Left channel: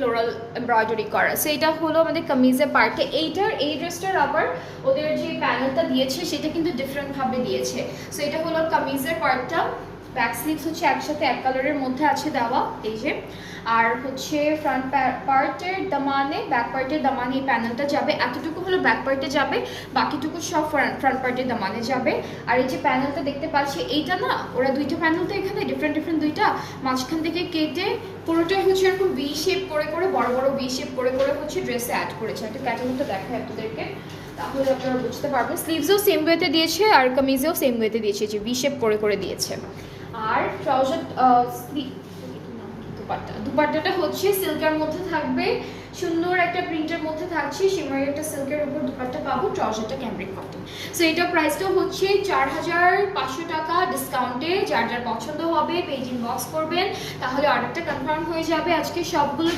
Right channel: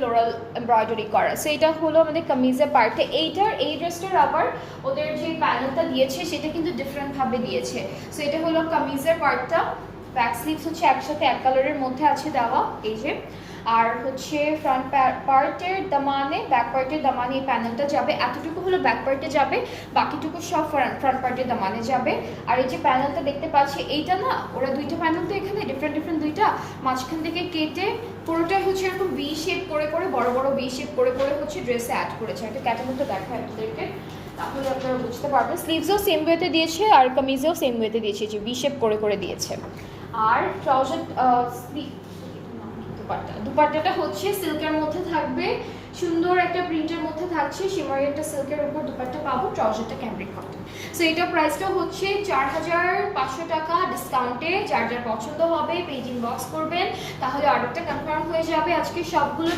Floral embroidery করা। So এটা হলো আমাদের কামিজের পার্টে। এই ড্রেসটার আবার ওদের যে প্যানেলটা দিয়েছে সেটা কিন্তু ডিফারেন্টভাবে দিয়েছে। সো এটা হলো কামিজের পার্টটা। ব্যাক স্লিভস হচ্ছে একসাথে এক কালারের মধ্যে আছে দেওয়া, এই যে। আর হচ্ছে ফ্রন্ট পার্টের দামানে, ব্যাক পার্টের দামানে এই প্যানেলটা যাবে, এতটুকু হলো ব্যাক পার্টে যাবে, বাকিটুকু সব ফ্রন্ট পার্টের দামানে যাবে। আর এই যে প্যানেলটা দেখতে পাচ্ছি, এইটা না ওরা দুইটা প্যানেল তো এখানে ডিফারেন্ট দুইটা, মাঝখান থেকে কেটে পুরোটাই হচ্ছে এরকম ভি শেপ করে বড় বড় ভি শেপ করে হচ্ছে ড্রেসে অ্যাড করেছে। একটা ক্যাটালগটা দেখায় আপনাদেরকে, তাহলে আপনারা বুঝতে পারবেন। স্লিভসও সেম ওয়েতে দিয়েছে আর কামিজেও সেম ওয়েতে দিয়েছে, যে ভি শেপ করে দিয়েছে। আর ট্রাউজার দুপাট্টাটা হচ্ছে সিল্কের মধ্যে থাকবে, সুন্দর একটা প্রিন্টের মধ্যে থাকছে, শিমারি একটা সিল্কের উপর দুপাট্টা পাবো, ট্রাউজারটা ক্যামব্রিক কটন। সো এটার প্রাইসটা হচ্ছে 4500 টাকা ডিসকাউন্টে। যার যার পছন্দ হবে পেজ ইনবক্স করবেন, তাহলে অর্ডারটা কনফার্ম হয়ে যাবে। আজকে সবগুলো